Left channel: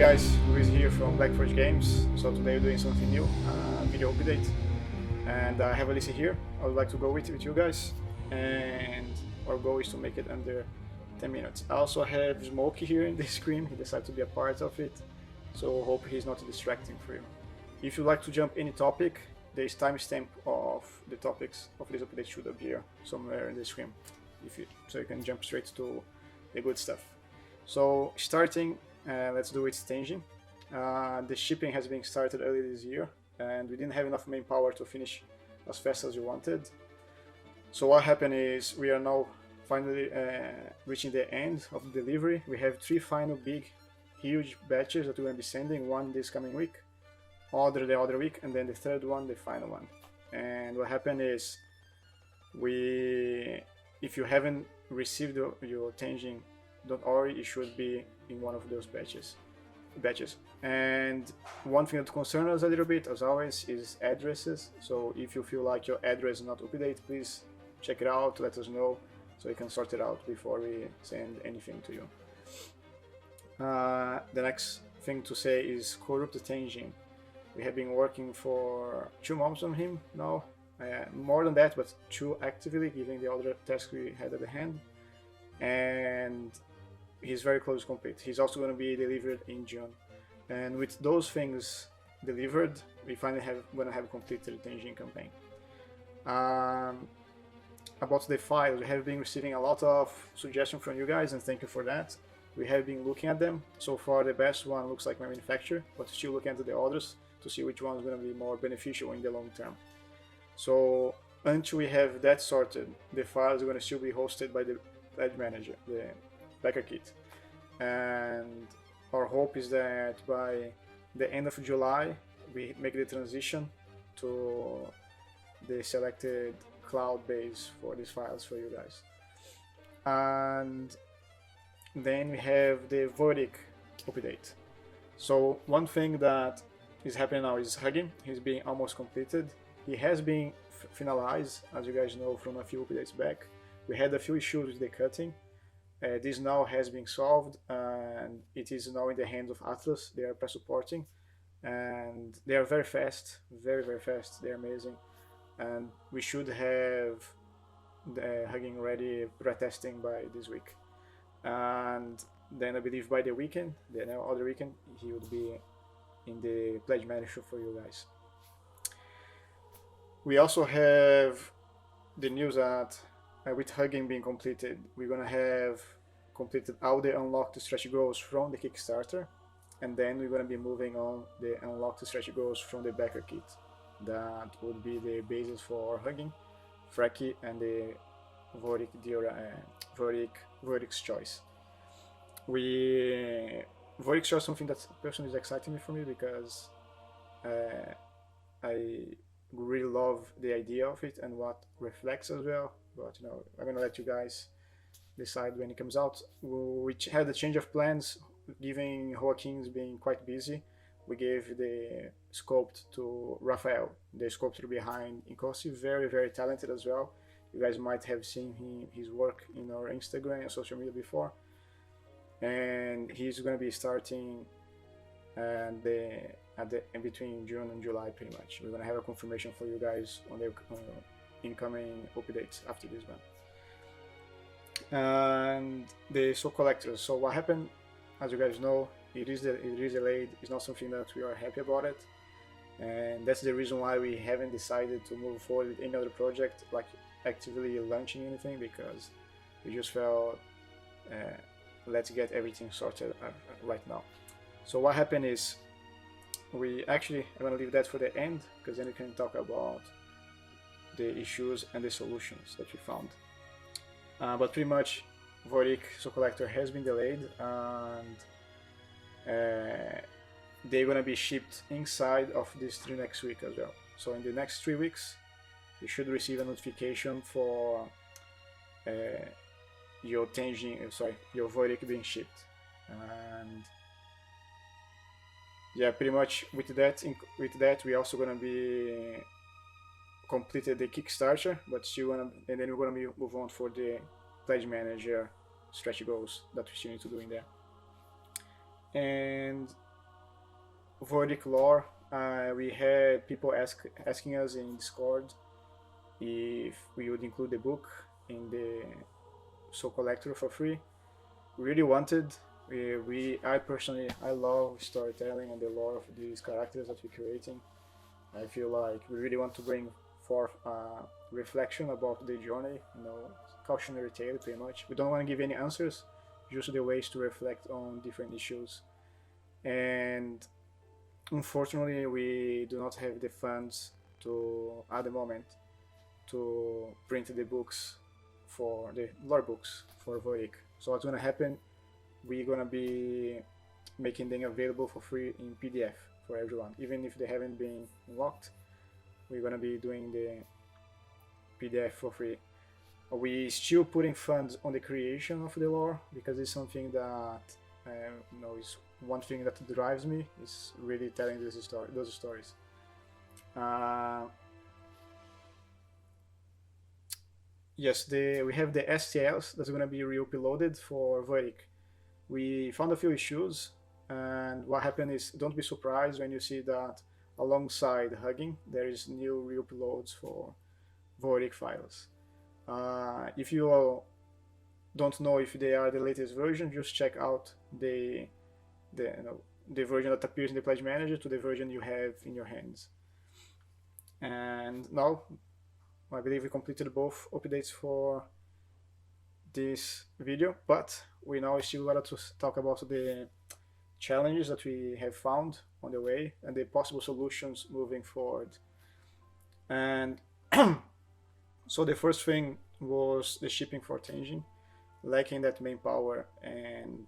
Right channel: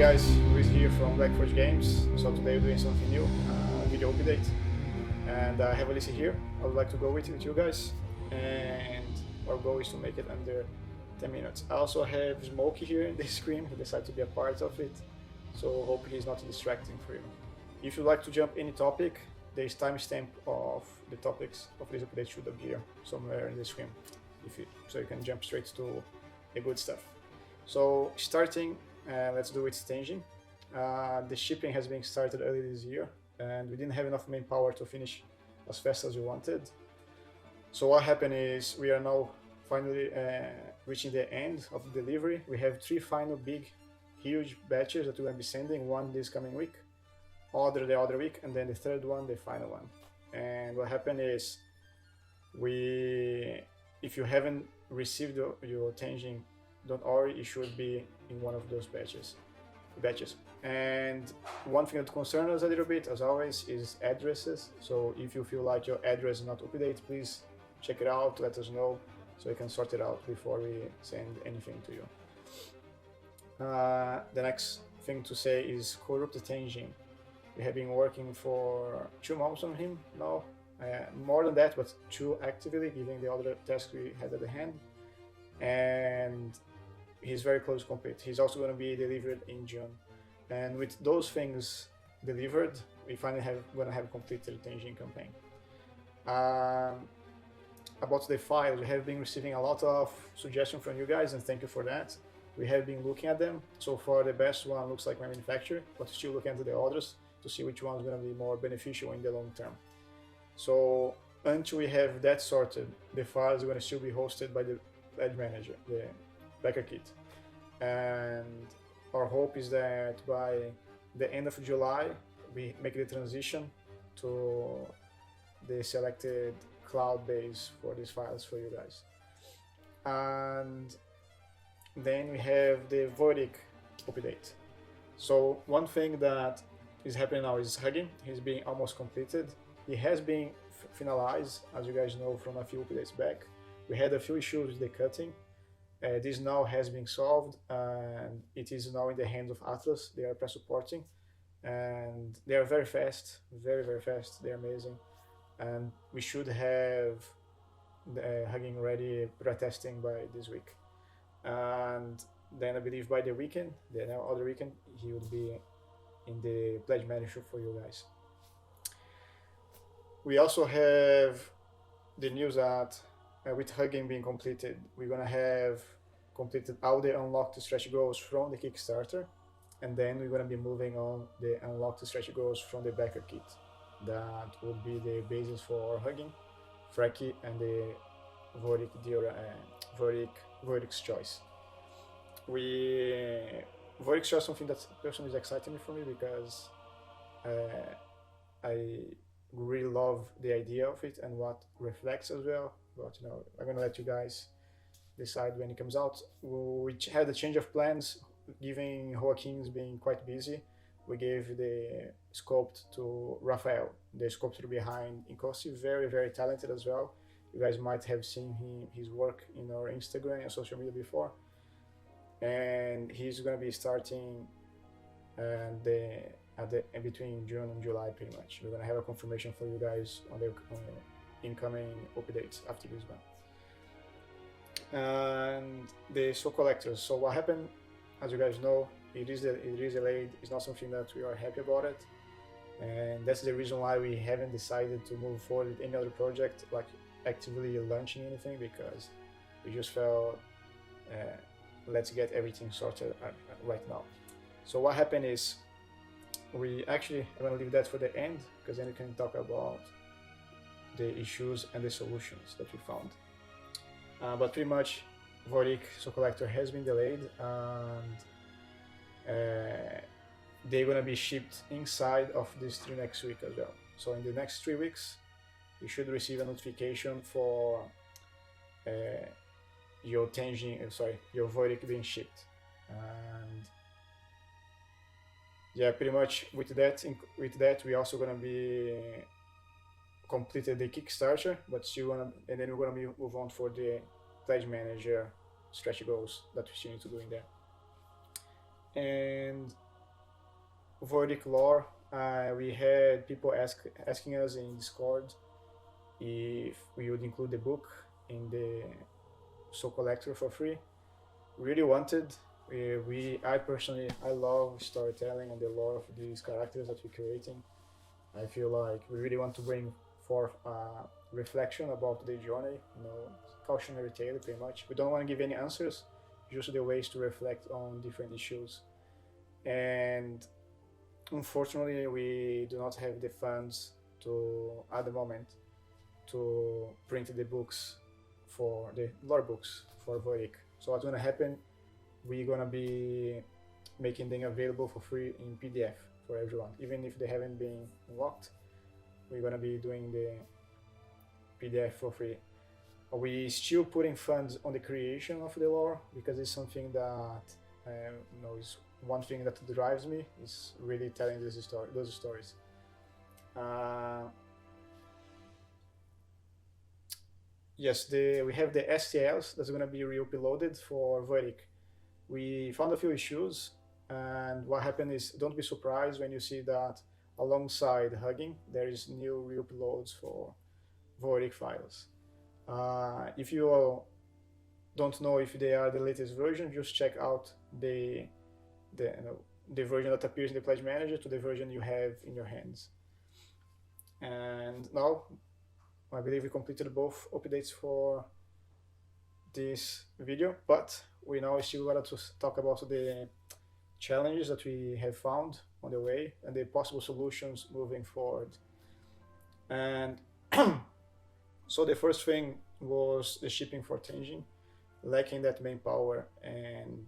guys, Luis here from Black Forge Games. So today we're doing something new, video update. And I have Alicia here. I would like to go with you guys. And our goal is to make it under 10 minutes. I also have Smokey here in the screen. He decided to be a part of it. So hope he's not distracting for you. If you'd like to jump any topic, there's timestamp of the topics of this update should appear somewhere in the screen. So you can jump straight to the good stuff. So starting, let's do it staging. The shipping has been started earlier this year, and we didn't have enough manpower to finish as fast as we wanted. So what happened is we are now finally reaching the end of the delivery. We have 3 final big, huge batches that we're going to be sending, one this coming week, other the other week, and then the third one, the final one. And what happened is if you haven't received your Tenjin.org, it should be in one of those batches. And one thing that concerns us a little bit, as always, is addresses. So if you feel like your address is not up to date, please check it out, let us know, so we can sort it out before we send anything to you. The next thing to say is Corrupt Tenjin. We have been working for 2 months on him now, more than that, but 2 actively, given the other tasks we had at the hand. And he's very close to complete. He's also going to be delivered in June. And with those things delivered, we finally going to have completed the Tenjin campaign. About the files, we have been receiving a lot of suggestions from you guys, and thank you for that. We have been looking at them. So far, the best one looks like my manufacturer, but still looking at the others to see which one is going to be more beneficial in the long term. So until we have that sorted, the files are going to still be hosted by the Pledge Manager, the Backer Kit. And our hope is that by the end of July, we make the transition to the selected cloud base for these files for you guys. And then we have the Vorik update. So one thing that is happening now is Hugging. He's being almost completed. He has been finalized, as you guys know from a few updates back. We had a few issues with the cutting. This now has been solved, and it is now in the hands of Atlas. They are supporting, and they are very fast, very fast. They're amazing, and we should have the Hugging ready pre-testing by this week. And then I believe by the weekend, the other weekend, he would be in the Pledge Manager for you guys. We also have the news that with Hugging being completed, we're gonna have completed all the unlocked stretch goals from the Kickstarter, and then we're gonna be moving on the unlocked stretch goals from the Backer Kit. That would be the basis for Hugging, Freki, and the Vorik's Choice. Vorik's Choice is something that personally is exciting for me because I really love the idea of it and what reflects as well. But I'm gonna let you guys decide when it comes out. We had a change of plans, given Joaquin's being quite busy. We gave the sculpt to Rafael, the sculptor behind Incosi, very talented as well. You guys might have seen his work in our Instagram and social media before. And he's going to be starting in between June and July, pretty much. We're going to have a confirmation for you guys on the incoming updates after this one. And the Soul Collectors. So what happened, as you guys know, it is delayed. It's not something that we are happy about it, and that's the reason why we haven't decided to move forward with any other project, like actively launching anything, because we just felt let's get everything sorted right now. So what happened is I'm going to leave that for the end, because then we can talk about the issues and the solutions that we found. But pretty much Vorik Soul Collector has been delayed, and they're going to be shipped inside of this 3 next week as well. So in the next 3 weeks, you should receive a notification for your Vorik being shipped. And yeah, pretty much with that we're also gonna be completed the Kickstarter, but and then we're gonna be move on for the Pledge Manager stretch goals that we still need to do in there. And Voidic lore. We had people asking us in Discord if we would include the book in the Soul Collector for free. Really wanted. I personally, I love storytelling and the lore of these characters that we're creating. I feel like we really want to bring forth a reflection about the journey, cautionary tale pretty much. We don't want to give any answers, just the ways to reflect on different issues. And unfortunately, we do not have the funds to, at the moment, to print the books for the lore books for Voic. So what's gonna happen? We're gonna be making them available for free in PDF for everyone, even if they haven't been unlocked. We're gonna be doing the PDF for free. We still putting funds on the creation of the lore because it's something that is one thing that drives me is really telling those stories. Yes, we have the STLs that's gonna be re-uploaded for Voidic. We found a few issues, and what happened is don't be surprised when you see that alongside Hugging there is new re-uploads for Voidic files. If you don't know if they are the latest version, just check out the version that appears in the Pledge Manager to the version you have in your hands. And now, I believe we completed both updates for this video, but we now still want to talk about the challenges that we have found on the way and the possible solutions moving forward. And so the first thing was the shipping for Tenjin, lacking that manpower, and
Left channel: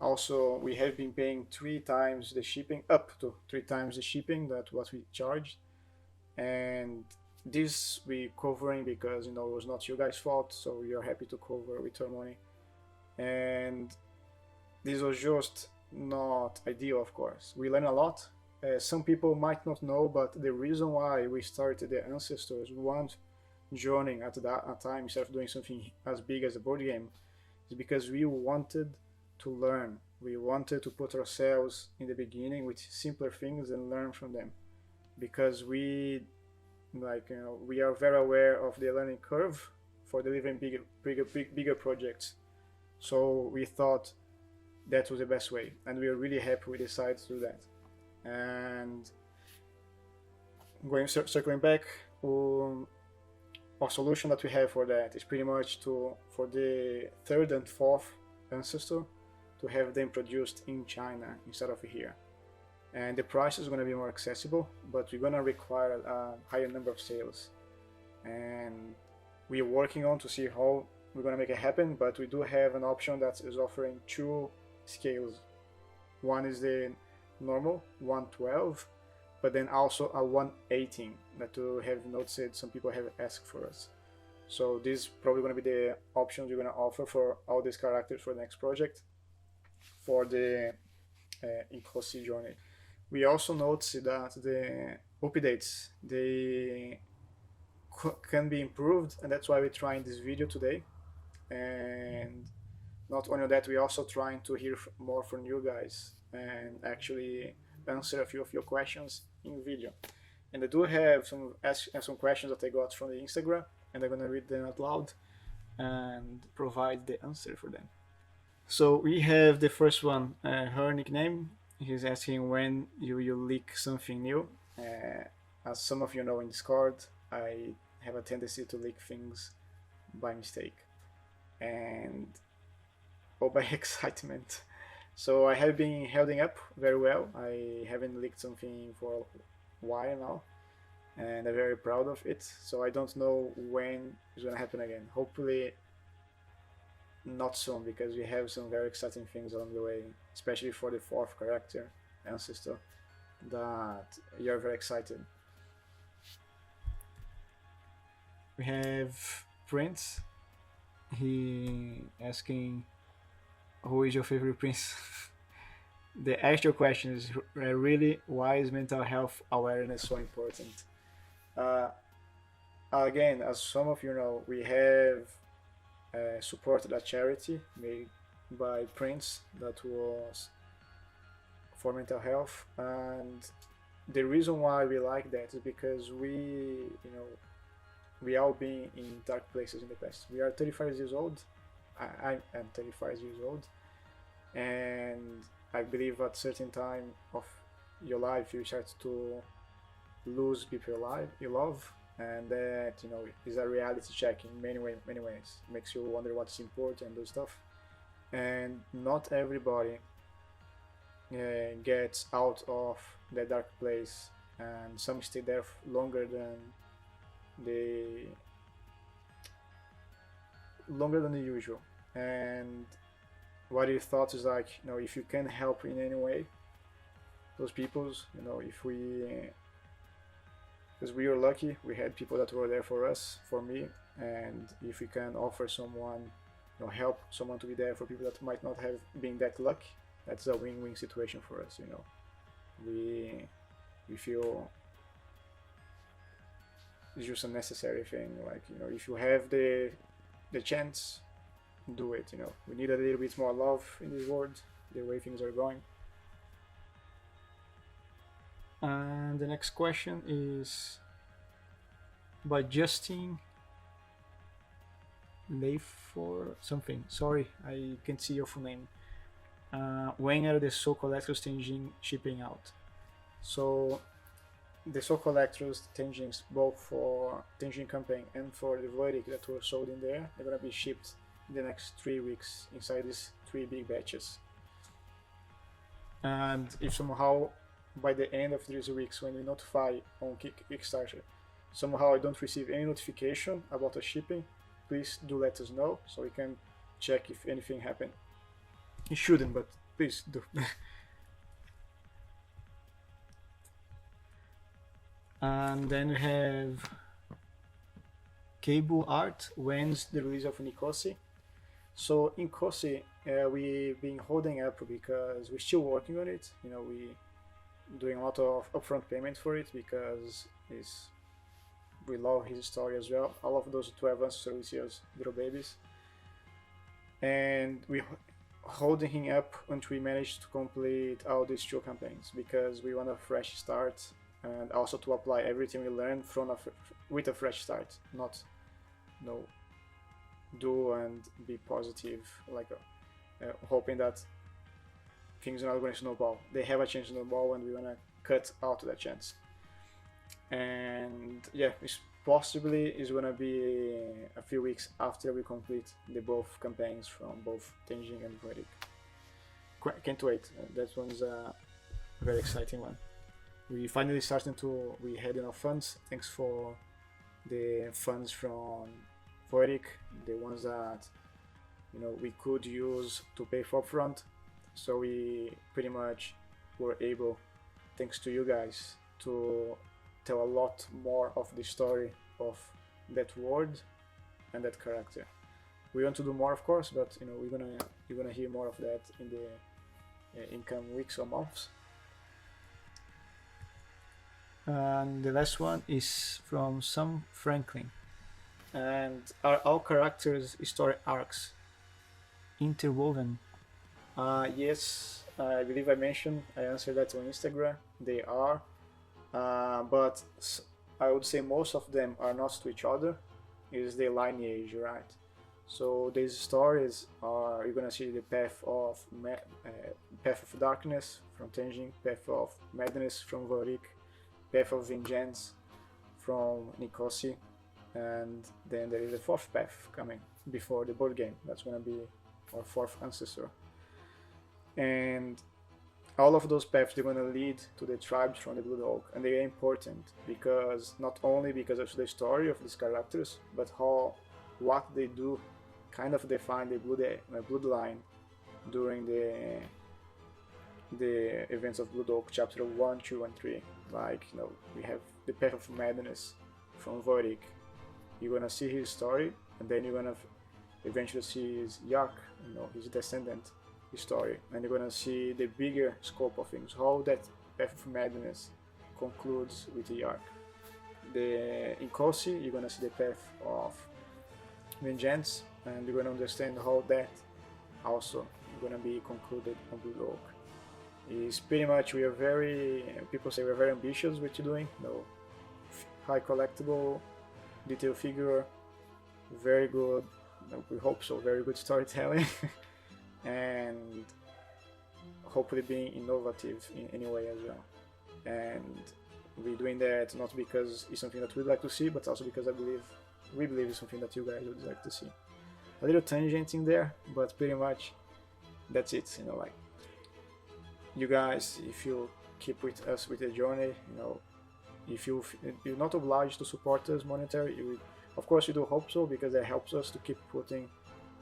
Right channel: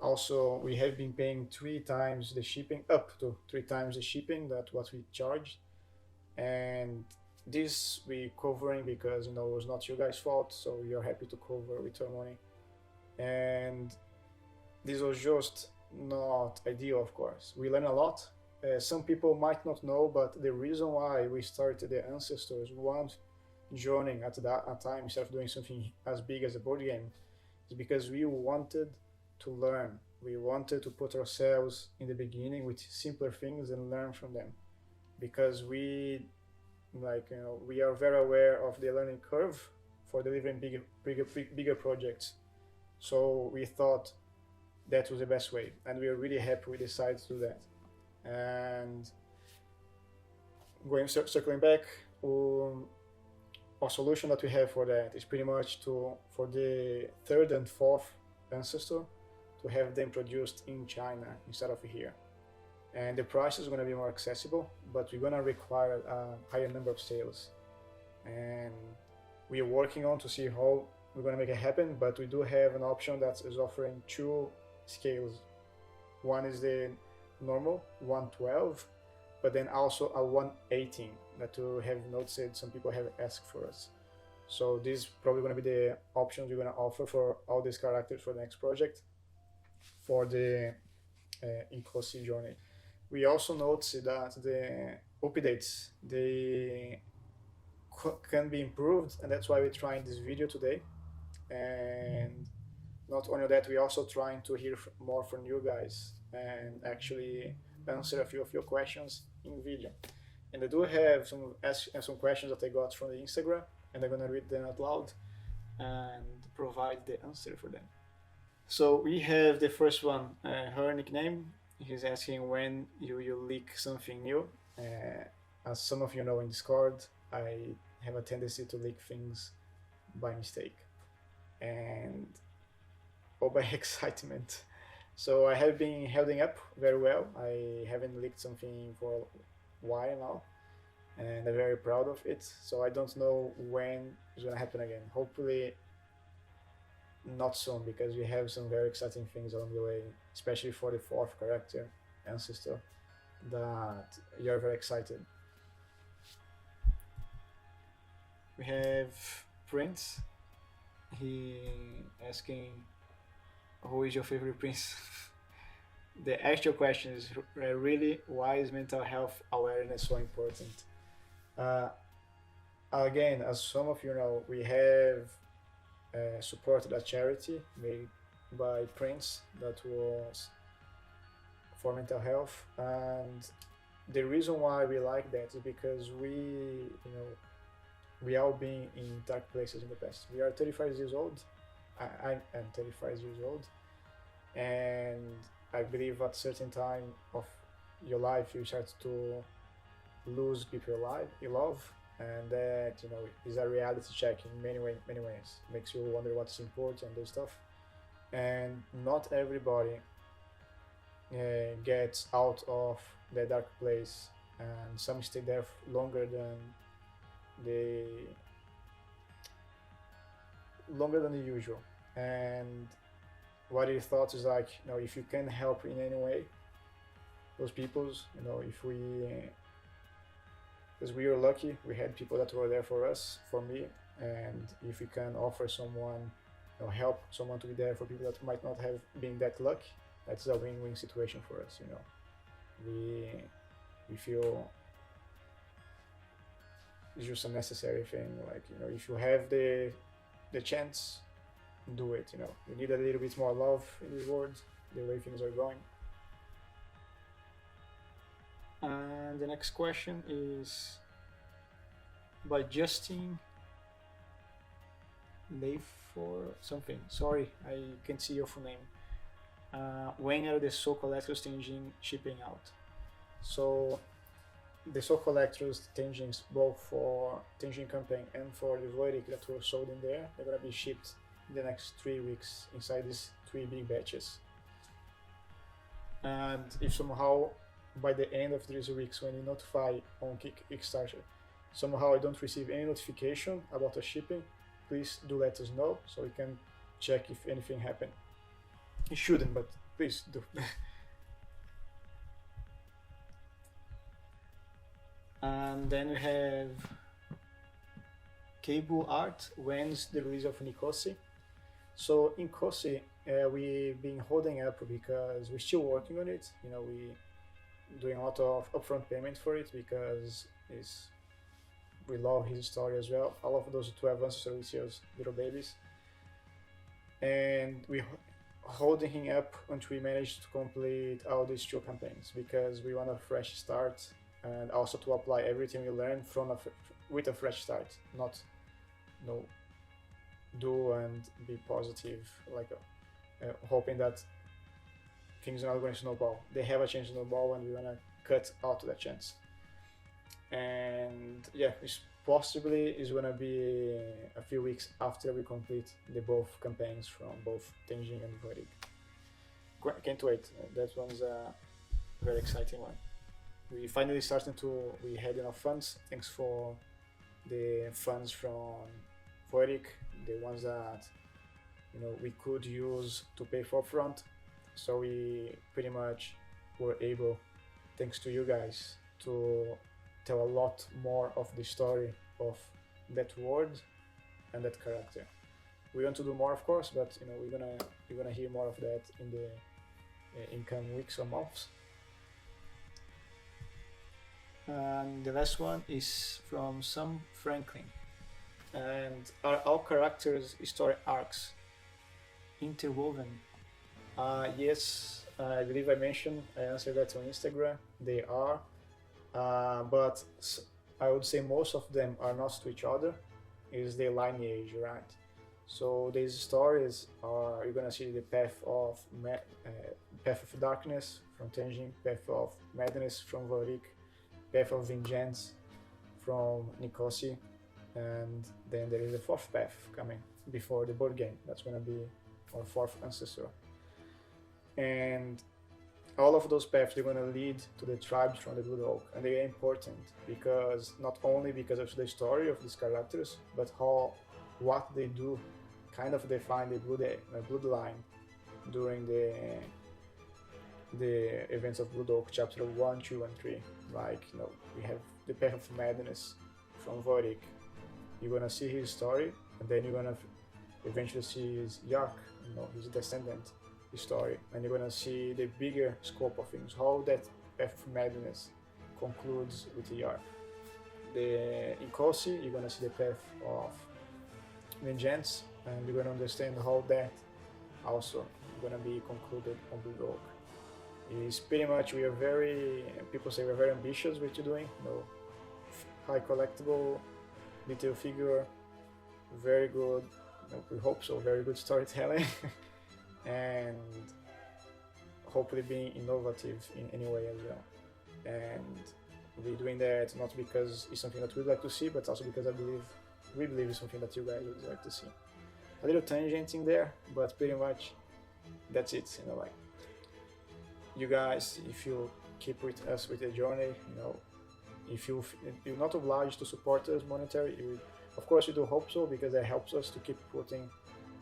also we have been paying 3 times the shipping, up to 3 times the shipping that what we charged, and this we covering because it was not you guys' fault, so we are happy to cover with our money. And this was just not ideal, of course. We learned a lot. Some people might not know, but the reason why we started the Ancestors one joining at that time instead of doing something as big as a board game is because we wanted to learn. We wanted to put ourselves in the beginning with simpler things and learn from them, because we are very aware of the learning curve for delivering bigger projects. So we thought that was the best way, and we are really happy we decided to do that. And circling back, our solution that we have for that is pretty much for the 3rd and 4th ancestor to have them produced in China instead of here. And the price is going to be more accessible, but we're going to require a higher number of sales. And we're working on to see how we're going to make it happen, but we do have an option that is offering 2 scales. One is the normal 112, but then also a 118 that we have noticed some people have asked for us. So this is probably going to be the options we're going to offer for all these characters for the next project for the Inkosi journey. We also noticed that the updates they can be improved, and that's why we're trying this video today. And not only that, we're also trying to hear more from you guys and actually answer a few of your questions in video. And I do have some questions that I got from the Instagram, and I'm gonna read them out loud and provide the answer for them. So we have the first one, her nickname. He's asking when you will leak something new. As some of you know in Discord, I have a tendency to leak things by mistake or by excitement. So I have been holding up very well. I haven't leaked something for a while now, and I'm very proud of it. So I don't know when it's gonna happen again. Hopefully not soon, because we have some very exciting things on the way, especially for the 4th character, Ancestor, that we are very excited. We have Prince. He asking, who is your favorite prince? The actual question is really, why is mental health awareness so important? Again, as some of you know, we have supported a charity made by Prince that was for mental health. And the reason why we like that is because we all been in dark places in the past. We are 35 years old. I am 35 years old, and I believe at certain time of your life you start to lose people you love, and that is a reality check in many ways. Makes you wonder what's important and do stuff. And not everybody gets out of the dark place, and some stay there longer than the usual. And what he thought is like, if you can help in any way those peoples, if we because we are lucky, we had people that were there for us, for me, and if we can offer someone or help someone to be there for people that might not have been that lucky, that's a win-win situation for us. We feel it's just a necessary thing. Like, if you have the chance, do it. We need a little bit more love in this world, the way things are going. And the next question is by Justin Layfor something. Sorry, I can't see your full name. When are the Soul Collectors Tenjin shipping out? So the Soul Collectors Tenjins, both for Tenjin campaign and for the Vorik that were sold in there, they're gonna be shipped in the next 3 weeks inside these 3 big batches. And if somehow by the end of these weeks, when you notify on Kickstarter, somehow I don't receive any notification about the shipping, please do let us know so we can check if anything happened. It shouldn't, but please do. And then we have Cable Art. When's the release of Nicosi? So in Nicosi, we've been holding up because we're still working on it. We doing a lot of upfront payments for it because we love his story as well. I love those 12 Answers little babies, and we holding him up until we manage to complete all these 2 campaigns because we want a fresh start, and also to apply everything we learned with a fresh start, not do and be positive, like hoping that things are not going to snowball. They have a chance to snowball, and we want to cut out that chance. And yeah, it's possibly is going to be a few weeks after we complete the both campaigns from both Tenjin and Vorik. Can't wait. That one's a very exciting one. We finally we had enough funds. Thanks for the funds from Vorik, the ones that we could use to pay for upfront. So we pretty much were able, thanks to you guys, to tell a lot more of the story of that world and that character. We want to do more, of course, but you're gonna hear more of that in the incoming weeks or months. And the last one is from Sam Franklin. And are all characters' story arcs interwoven? Yes, I believe I answered that on Instagram. They are, but I would say most of them are not to each other. Is the lineage, right? So these stories are, you're gonna see the path of darkness from Tenjin, path of madness from Vorik, path of vengeance from Nicosi, and then there is a 4th path coming before the board game. That's gonna be our 4th ancestor. And all of those paths, they're going to lead to the tribes from the Blood Oak, and they are important because not only because of the story of these characters, but what they do kind of define the bloodline during the events of Blood Oak, chapter 1, 2, and 3. Like, we have the path of madness from Vorik. You're gonna see his story, and then you're gonna eventually see his Yark, his descendant story, and you're gonna see the bigger scope of things, how that path of madness concludes with Yark. In Kosi, you're gonna see the path of vengeance, and you're gonna understand how that also gonna be concluded on the Oak. is pretty much we are very, people say we're very ambitious what you're doing, you know, high collectible, detail figure, very good, you know, we hope so, very good storytelling, and hopefully being innovative in any way as well. And we're doing that not because it's something that we'd like to see, but also because we believe it's something that you guys would like to see. A little tangent in there, but pretty much that's it, you know, like, you guys, if you keep with us with the journey, you know, if you're not obliged to support us monetarily, of course we do hope so, because that helps us to keep putting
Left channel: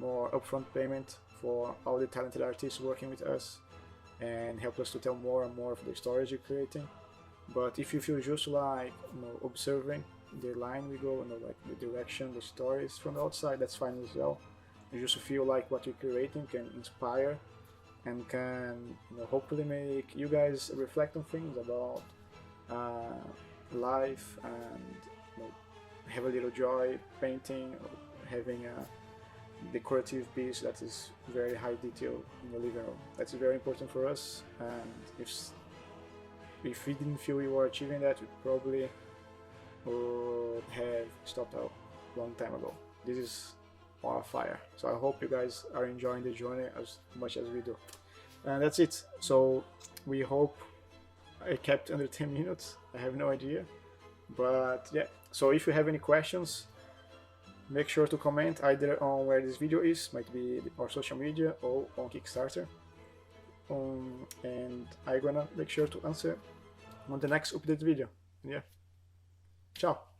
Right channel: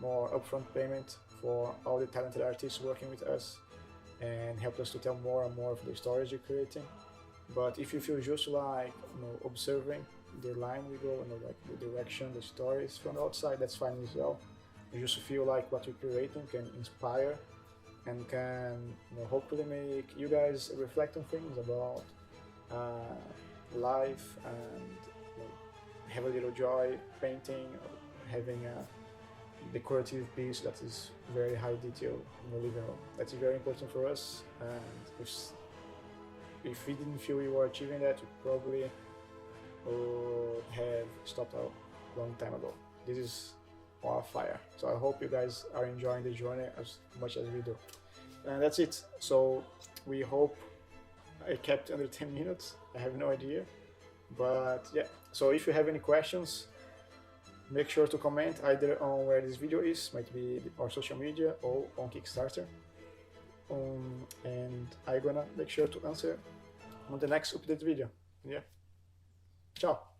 more upfront payment for all the talented artists working with us and helping us to tell more and more of the stories you're creating. But if you feel just like, you know, observing the line we go, you know, like the direction, the stories from outside, that's fine as well. You just feel like what you're creating can inspire and can, you know, hopefully make you guys reflect on things about life, and, you know, have a little joy painting, or having a decorative piece that is very high detail. That's very important for us, and if we didn't feel we were achieving that, we probably would have stopped out a long time ago. This is on fire, so I hope you guys are enjoying the journey as much as we do. And that's it. So we hope I kept under 10 minutes. I have no idea, but yeah. So if you have any questions, make sure to comment either on where this video is, might be our social media, or on Kickstarter. And I'm gonna make sure to answer on the next update video. Yeah. Ciao.